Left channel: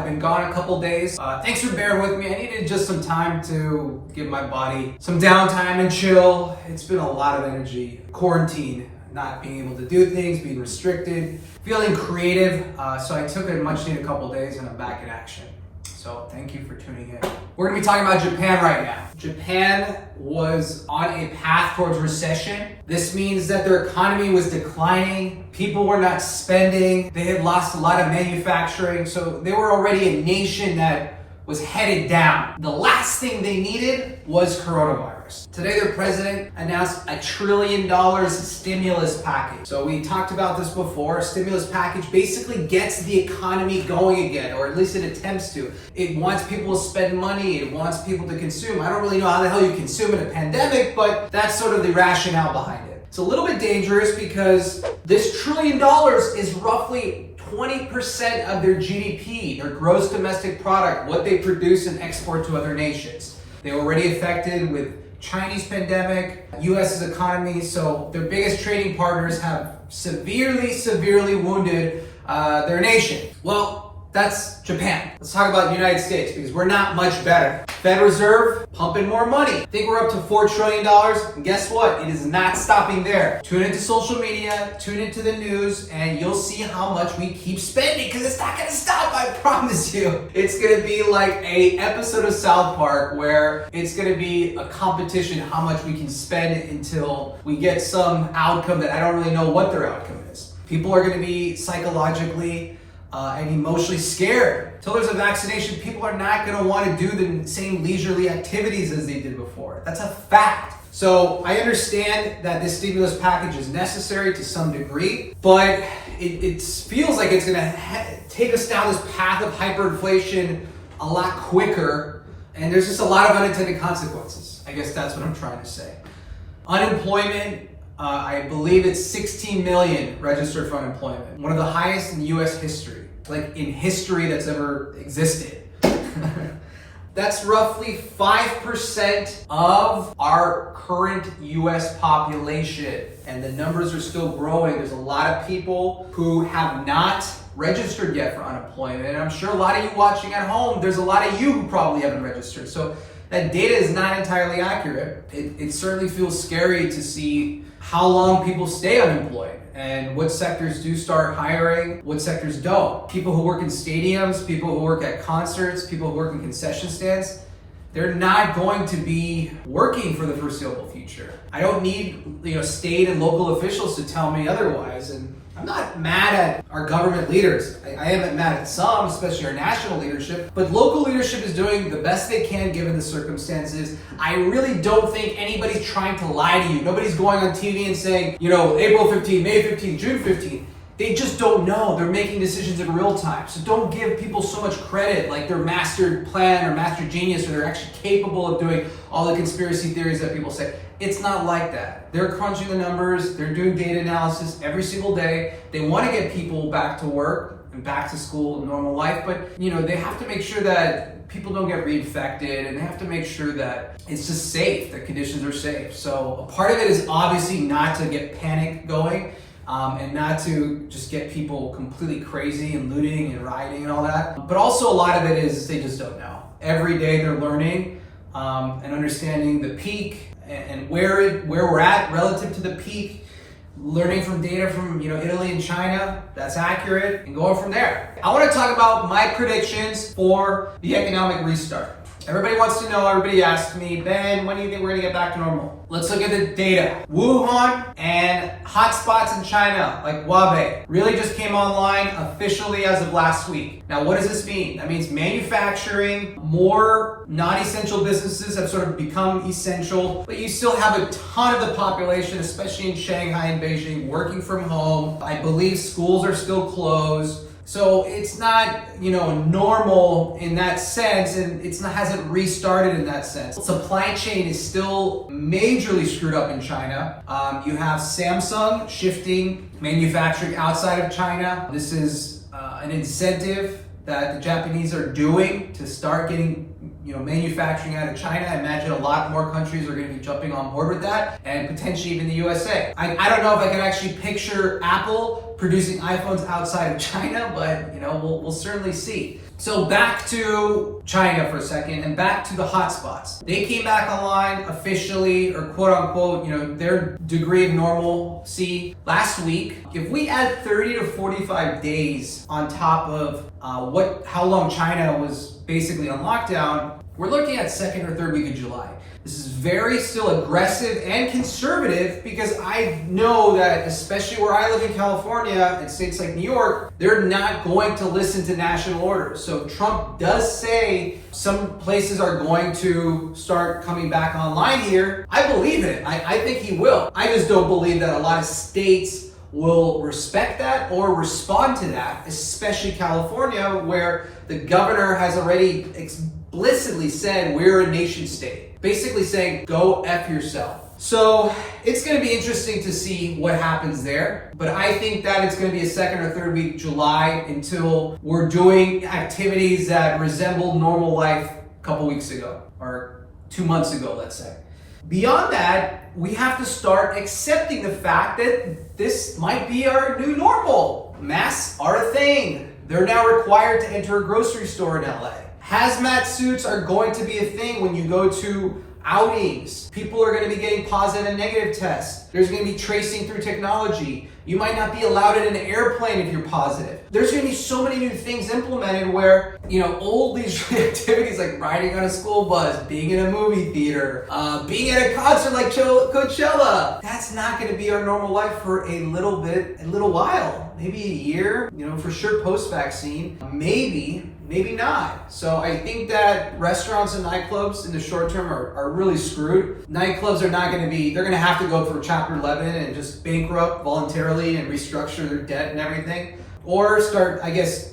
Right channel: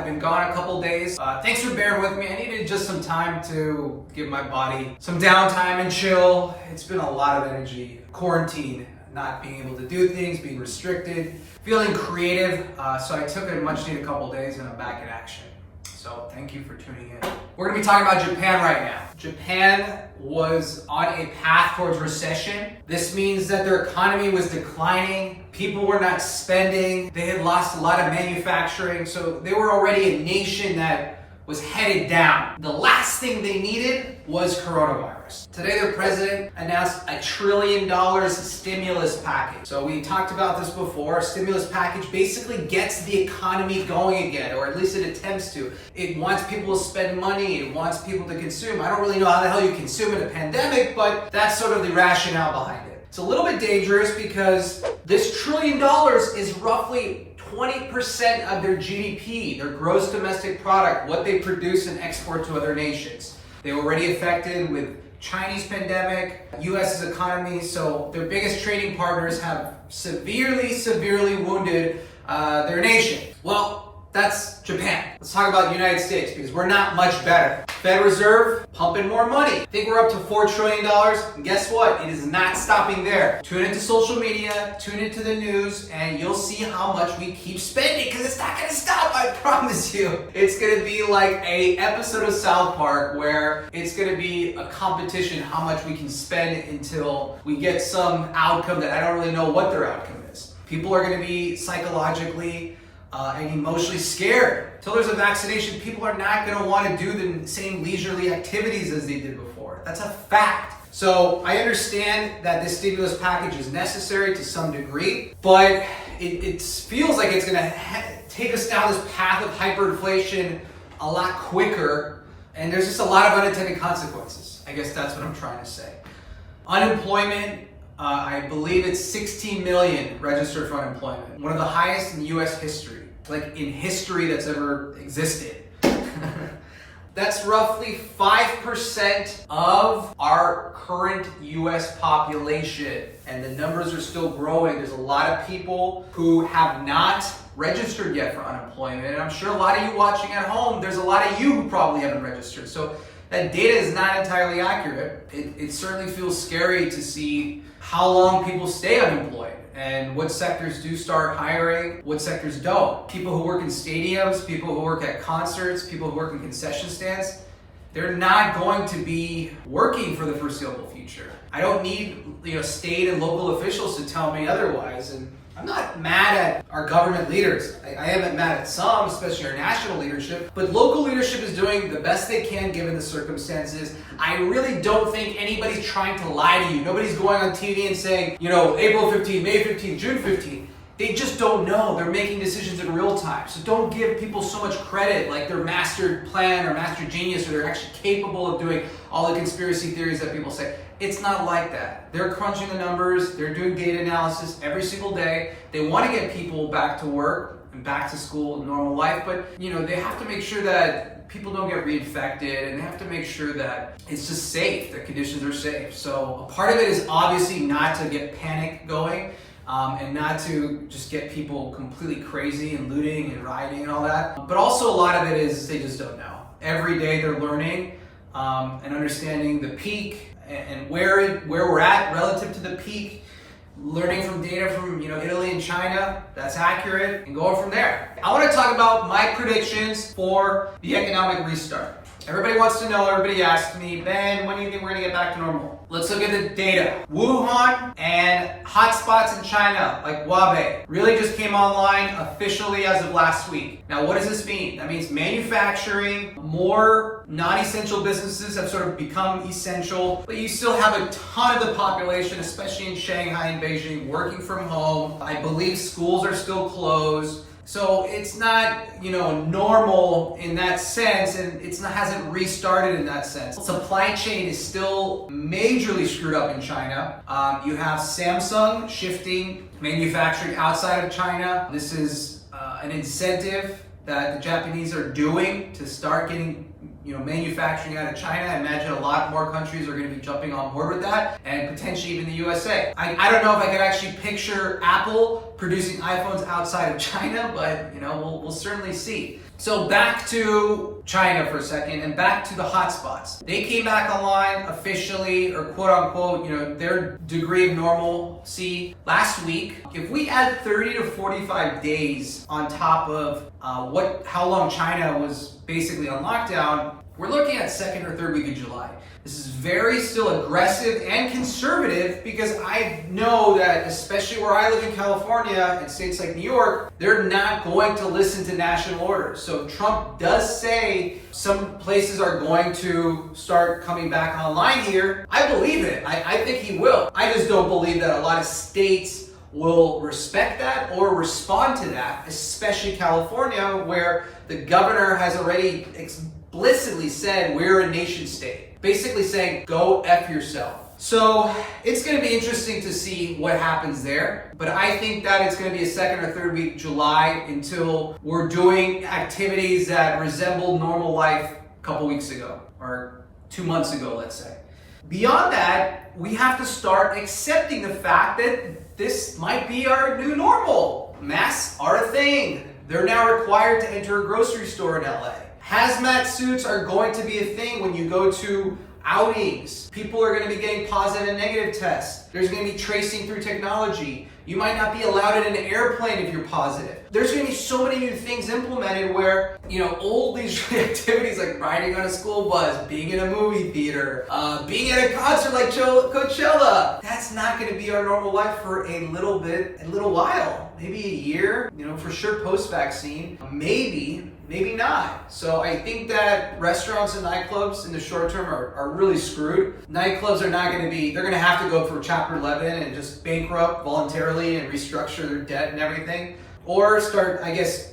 I've been gone a couple days. Thanks for bearing with me. I needed just some time to give my body some downtime and chill. It's been a lot of energy. Quarantine, not being able to do things, being restricted, feeling creative. So I took a much needed couple days and I'm back in action. So thank you for tuning in. We're gonna be talking about Japan right now. Japan was on a path towards recession. This means that their economy was declining. People were not spending. They had lost a lot of manufacturing. So they were already a nation that was headed down. The last thing they needed was coronavirus. Today, their president announced $1 trillion stimulus package. So we talked about this before. A stimulus package basically gets the economy going again, or at least it attempts to. It wants people to spend money. It wants people to consume. I don't really know how the hell you consume in a pandemic, but that's sort of the rationale behind it. It's a little bit dangerous because this $1 trillion is roughly 20% of their GDP, their gross domestic product, what they produce and export to other nations. They were already affected with Chinese pandemic, US's economy, so their biggest trading partners have severely wounded their nation. Well, that's Japan. Let's talk about the United States because we're not much better. Fed Reserve pumping more money. I think we're up to $4 trillion. And guess what? It is not stopping there. Tune into social media, tune into the news, and you'll see how much we keep spending because it's not gonna stop, I promise you. It's gonna be like an episode of South Park where it's gonna be a competition how much we can spend until we get some outcome that I don't really know what their outcome is. People are gonna be psychologically and emotionally scared. Until there's a vaccination, people are not going to want to do the same leisurely activities as they did before. That's a fact. So I understand that this stimulus package is necessary to some degree, but it feels like it's going to take us down this path of hyperinflation a lot quicker, and there's just a lot of unintended consequences. I guess that's what I'm trying to say. Unemployment, I believe it's 16 million registered for unemployment. One of the highest in US history, like in history that's ever existed. That's roughly 5% of our current US population. And the numbers are still growing. There's a lot of people who have not registered yet for unemployment. And I'm sure a lot of you watching at home, there's a lot of you who probably haven't registered. So that data is not entirely accurate. It certainly feels scary to see how long people stay unemployed and what sectors do start hiring, what sectors don't. People who work in stadiums, people who work at concerts, people who work in concession stands, they're not going to be working for the foreseeable future. I don't need state and local officials to tell me otherwise. And I'm not mad at our government leaders. I am mad at some, especially our national leadership, but local leadership is doing the best they can given the circumstances. I really don't think anybody's trying to lie to you. Nobody's going on TV and saying, April 15, May 15, June 15. They just don't know. They're making decisions in real time. So don't give people so much credit like they're master plan or master genius or they're actually capable of doing all the conspiracy theories that people say. It's not like that. They're crunching the numbers. They're doing data analysis every single day. They want to get people back to work and back to school and normal life, but they have to make sure that people don't get reinfected and they have to make sure that it's just safe, that conditions are safe. So a part of it is obviously not to get panic going. And not to just get people completely crazy and looting and rioting and all that. But also a lot of it is they just don't know. Every day they're learning and understanding the peak and where we're at relative to the peak, learning from data from Italy and China, that's accurate, and going from there. I want to talk about my predictions for the economic restart. Everybody wants to know, everybody asks me, Ben, when do you think we're going to get back to normal? Let's look at the data. Wuhan and hotspots in China, like Hubei, really just came online officially as of last week. Now, what does this mean? That means manufacturing, more non-essential businesses have sort of become essential, but you still have a ton of the population, especially in Shanghai and Beijing, working from home. I believe schools are still closed. So it's not, normal in that sense, and hasn't restarted in that sense. Supply chain is still majorly screwed up in China. You have Samsung shifting manufacturing outside of China. This is an incentive that the Japanese are doing to start getting manufacturing out of China. I imagine a lot more countries are going to be jumping on board with that, and potentially even the USA. I don't know if I can actually picture Apple producing iPhones outside of China, but we'll certainly see. So back to China for a second and back to the hotspots. They came back online officially, or quote unquote, their degree of normalcy last week. If we add 30 to 45 days on top of how long China was basically on lockdown, we're looking at second or third week of July. This is very still aggressive and conservative because I know that, especially where I live in California and states like New York, they're not going to listen to national orders. So Trump does say some places are going to start coming back online here. I believe it. I think he will. I just don't believe that a lot of states will respect that or respond to that, especially California, where the governor has already explicitly said we're a nation state. Basically saying, go F yourself. So it's going to be interesting to see what happens there. But I think that it's going to be a second or third week July until we're doing activities that resemble normal life a couple weeks ago or 2 months ago, let's say. Beyond that, we have to start accepting the fact that this might be our new normal. Masks are a thing. They're now required to enter a grocery store in LA. Hazmat suits are going to be a thing when you go to outings. People are going to be getting positive and negative tests. There's going to be tracing through technology. You might not be allowed in an airplane if you're positive. There's going to be so many new things implemented where, all these activities like riding on a school bus, being in a movie theater, being at a concert like Coachella, that's not going to be our normal life for a little while. Maybe a year, for sure post-vaccine, maybe not. So I think that restaurants and nightclubs in the short term are really screwed. Nightclubs are not going to be, they're going to have to go for Chapter 11 and just bankrupt voluntarily and restructure their debt and everything. Or start,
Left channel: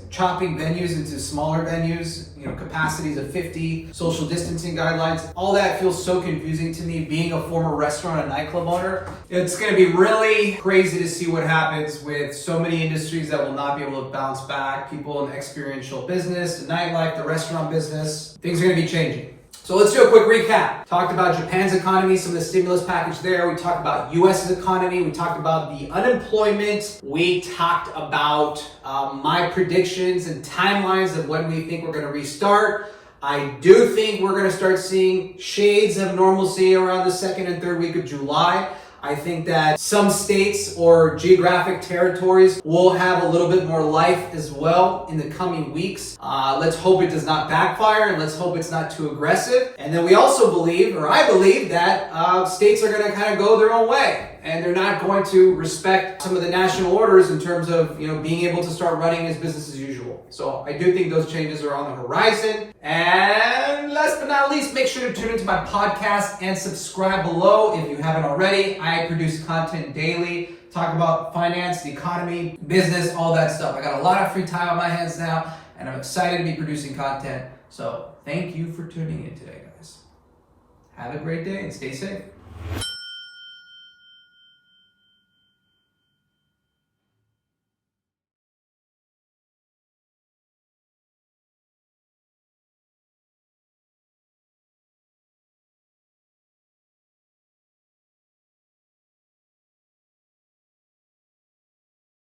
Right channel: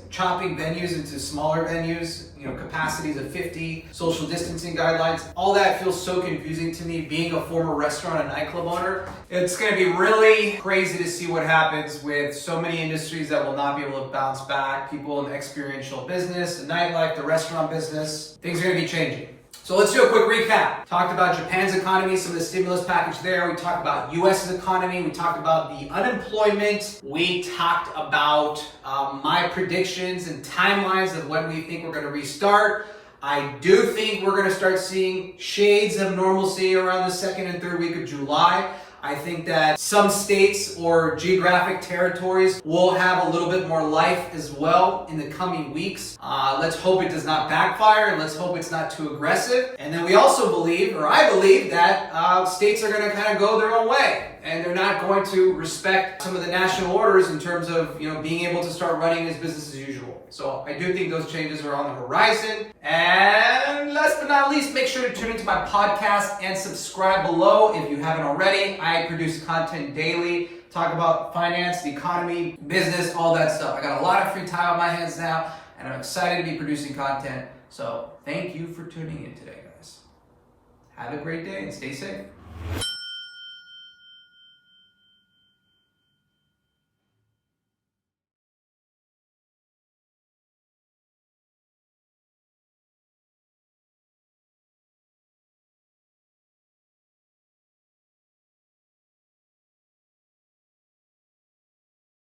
chopping venues into smaller venues, capacities of 50, social distancing guidelines. All that feels so confusing to me, being a former restaurant and nightclub owner. It's going to be really crazy to see what happens with so many industries that will not be able to bounce back. People in the experiential business, the nightlife, the restaurant business. Things are going to be changing. So let's do a quick recap. Talked about Japan's economy, some of the stimulus package there. We talked about US's economy. We talked about the unemployment. We talked about my predictions and timelines of when we think we're going to restart. I do think we're going to start seeing shades of normalcy around the second and third week of July. I think that some states or geographic territories will have a little bit more life as well in the coming weeks. Let's hope it does not backfire, and let's hope it's not too aggressive. And then we also believe, or I believe, that states are going to kind of go their own way. And they're not going to respect some of the national orders in terms of, being able to start running as business as usual. So I do think those changes are on the horizon. And last but not least, make sure to tune into my podcast and subscribe below if you haven't already. I produce content daily, talk about finance, the economy, business, all that stuff. I got a lot of free time on my hands now, and I'm excited to be producing content. So thank you for tuning in today, guys. Have a great day and stay safe.